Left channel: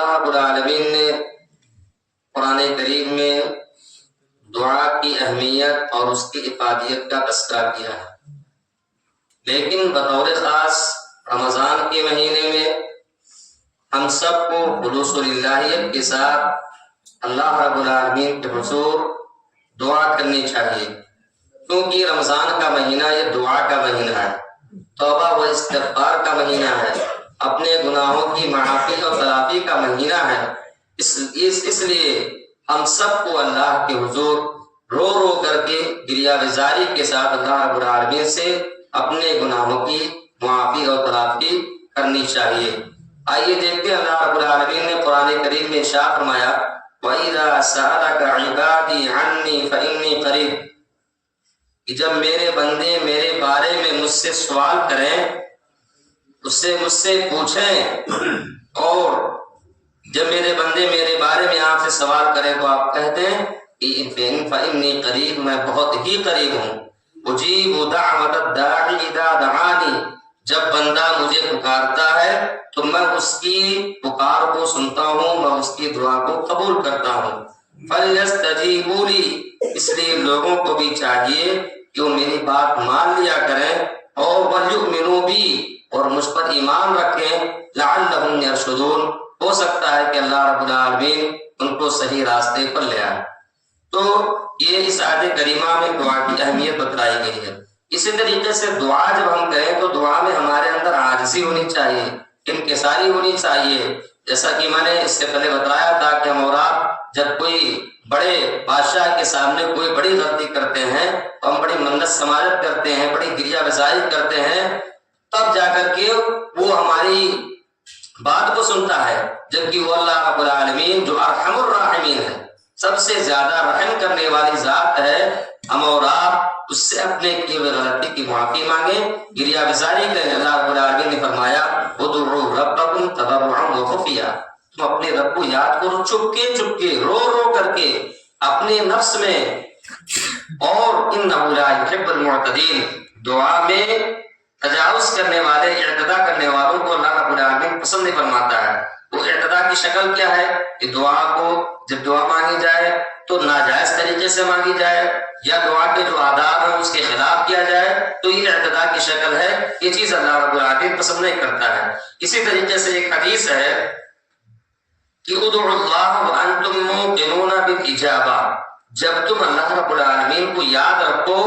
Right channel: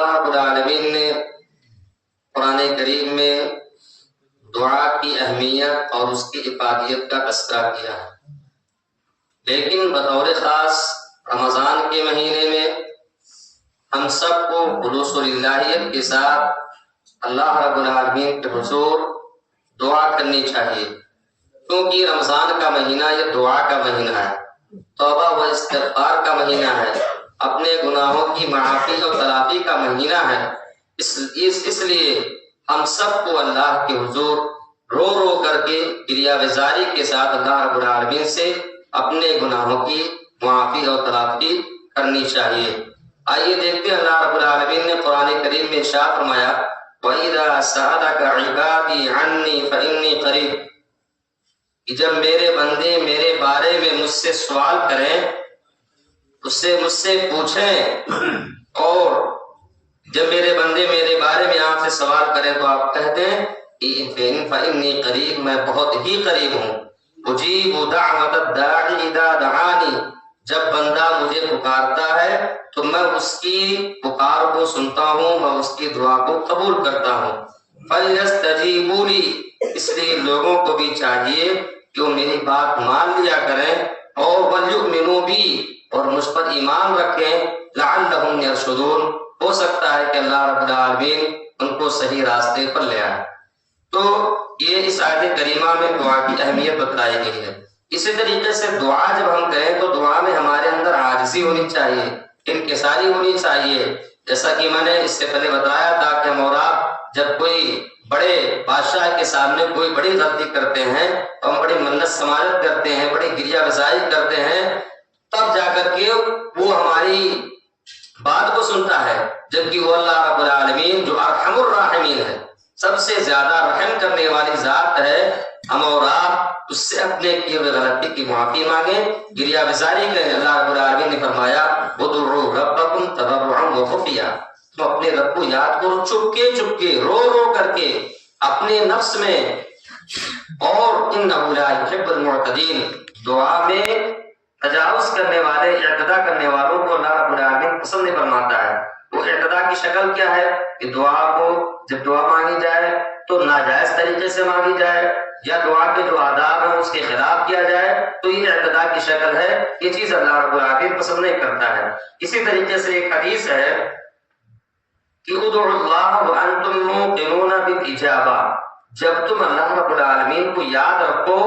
اللہ رب العالمین نے قرآن کریم میں دعا کی اہمیت اور اس کی افادیت کا تذکرہ کیا ہے، لیکن بطور خاص رمضان کے مہینے میں ہم سب کو خلوص و للہیت کے ساتھ اللہ رب العالمین کے حضور دعا کرنی چاہیے، کیونکہ رمضان کا مہینہ یہ دعا کا مہینہ ہے، توبہ و استغفار کا مہینہ ہے، اپنے گناہوں کی معافی اور تلافی کا مہینہ ہے۔ اس لیے ہم سب کو اللہ کے حضور رو رو کر کے گریہ گزاری کے ساتھ اللہ رب العالمین سے اپنے گناہوں کی معافی اور تلافی کرنی چاہیے۔ آئیے دیکھتے ہیں اللہ رب العالمین نے قرآن کریم میں ارشاد فرمایا وَإِذَا سَأَلَكَ عِبَادِي عَنِّي فَإِنِّي قَرِيبٌ، کہ جب میرے بندے میرے بارے میں مجھ سے سوال کریں، مجھ سے پوچھیں، اور جب میرے بندے میرے بارے میں آپ سے سوال کریں تو آپ کہتے ہیں فَإِنِّي قَرِيبٌ، میں بہت ہی قریب ہوں، اجیب دعوت الداعی اذا دعانی، جب بندہ مجھے پکارتا ہے تو میں اس کی پکار کو سنتا ہوں، میں اس کی دعا کو قبول کرتا ہوں۔ فَلْيَسْتَجِيبُوا لِي، اس لیے لوگوں کو بھی چاہیے کہ وہ میری بات مان لیا کریں، اور وَلْيُؤْمِنُوا بِي، اور مجھ پر ایمان رکھیں، لَعَلَّهُمْ يَرْشُدُونَ، ہو سکتا ہے کہ اللہ رب العالمین ان کو صحیح راستے پر لے آئے۔ تو یہ اس آیت کریمہ میں دعا کی اہمیت بتلائی گئی ہے۔ اسی طریقے سے دعا جب ہم کریں تو دعا میں ہمارے اندر عاجزی ہونی چاہیے، انکساری ہونی چاہیے، جیسا کہ میں نے اس سے پہلے بتایا تھا کہ ہم اور آپ جب کوئی بڑے بادشاہ کے سامنے کوئی بڑی غلطی کرتے ہیں، ہم بڑی منت سماجت کرتے ہیں، بڑی گریہ گزاری کرتے ہیں، تب جا کر کے وہ ہماری بات کو سنتا ہے، جبکہ وہ اللہ رب العالمین جو ارحم الراحمین ہے، سب سے زیادہ رحم کرنے والی ذات ہے، ہم اور آپ اس سے اپنے کیے ہوئے غلطی کی معافی مانگیں، گریہ گزاری کریں۔ اللہ رب العالمین نے فرمایا ادعوا ربکم تضرعا وخفیا، تم اپنے رب کو یاد کرو چپکے چپکے، رو رو کر کے اپنے نفس میں، اور انہ لا یحب المعتدین، دعا میں تجاوز کرنے والے، اعتداء کرنے والوں کو اللہ رب العالمین پسند نہیں فرماتا ہے۔ وہ اعتداء کی شکل کیا ہے کہ دعا کو جب دعا مانگی جائے تو ناجائز طریقے سے مانگی جائے، یا دعا کے جو آداب ہیں اس کے خلاف کیا جائے، تو یہ اعتداء کی شکل ہے، یہ چیز اللہ رب العالمین پسند نہیں کرتا ہے۔ اسی طریقے سے ایک حدیث ہے کہ ادعوا اللہ وانتم موقنون بالاجابہ، جب تم اللہ رب العالمین کو یاد رکھو،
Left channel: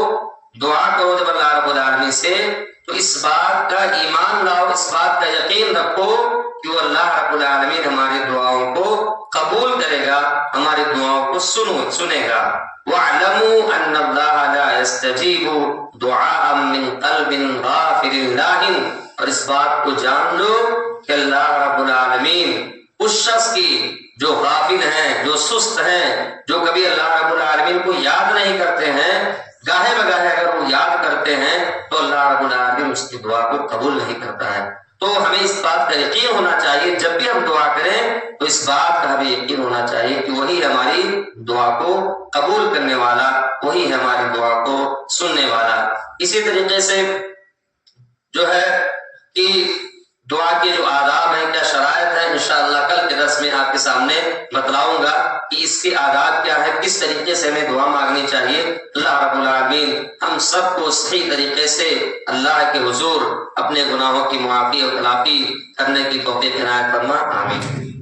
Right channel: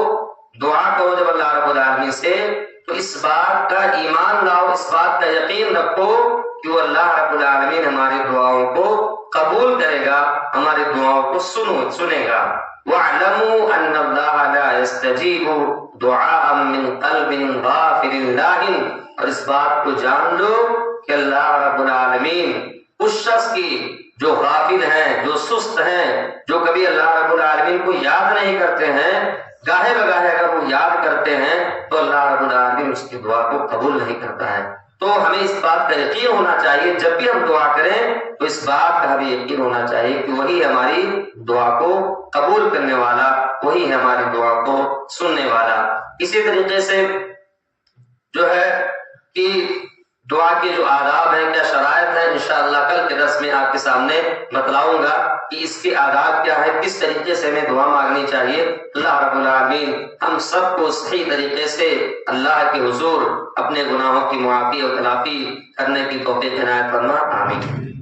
دعا کرو جب اللہ رب العالمین سے، تو اس بات کا ایمان لاؤ، اس بات کا یقین رکھو کہ وہ اللہ رب العالمین ہماری دعاؤں کو قبول کرے گا، ہماری دعاؤں کو سنے گا۔ وَاعْلَمُوا أَنَّ اللَّهَ لَا يَسْتَجِيبُ دُعَاءً مِّن قَلْبٍ غَافِلٍ لَاهٍ، اور اس بات کو جان لو کہ اللہ رب العالمین اس شخص کی جو غافل ہیں، جو سست ہیں، جو کبھی اللہ رب العالمین کو یاد نہیں کرتے ہیں، گاہے بگاہے اگر وہ یاد کرتے ہیں تو اللہ رب العالمین اس کی دعا کو قبول نہیں کرتا ہے۔ تو ہمیں اس بات کا یقین ہونا چاہیے، جب بھی ہم دعا کریں تو اس بات کا ہمیں یقین ہونا چاہیے کہ وہی ہماری دعا کو قبول کرنے والا، وہی ہماری دعا کو سننے والا۔ اسی طریقے سے جو ہے کہ دعا کے جو آداب ہیں، کیا شرائط ہیں، انشاءاللہ کل کے درس میں آپ کے سامنے بتلاؤں گا کہ اس کے آداب کیا ہے، کس طریقے سے ہمیں دعا مانگنی چاہیے۔ اللہ رب العالمین ہم سب کو صحیح طریقے سے اللہ کے حضور اپنے گناہوں کی معافی اور تلافی کرنے کی توفیق عنایت فرما، آمین۔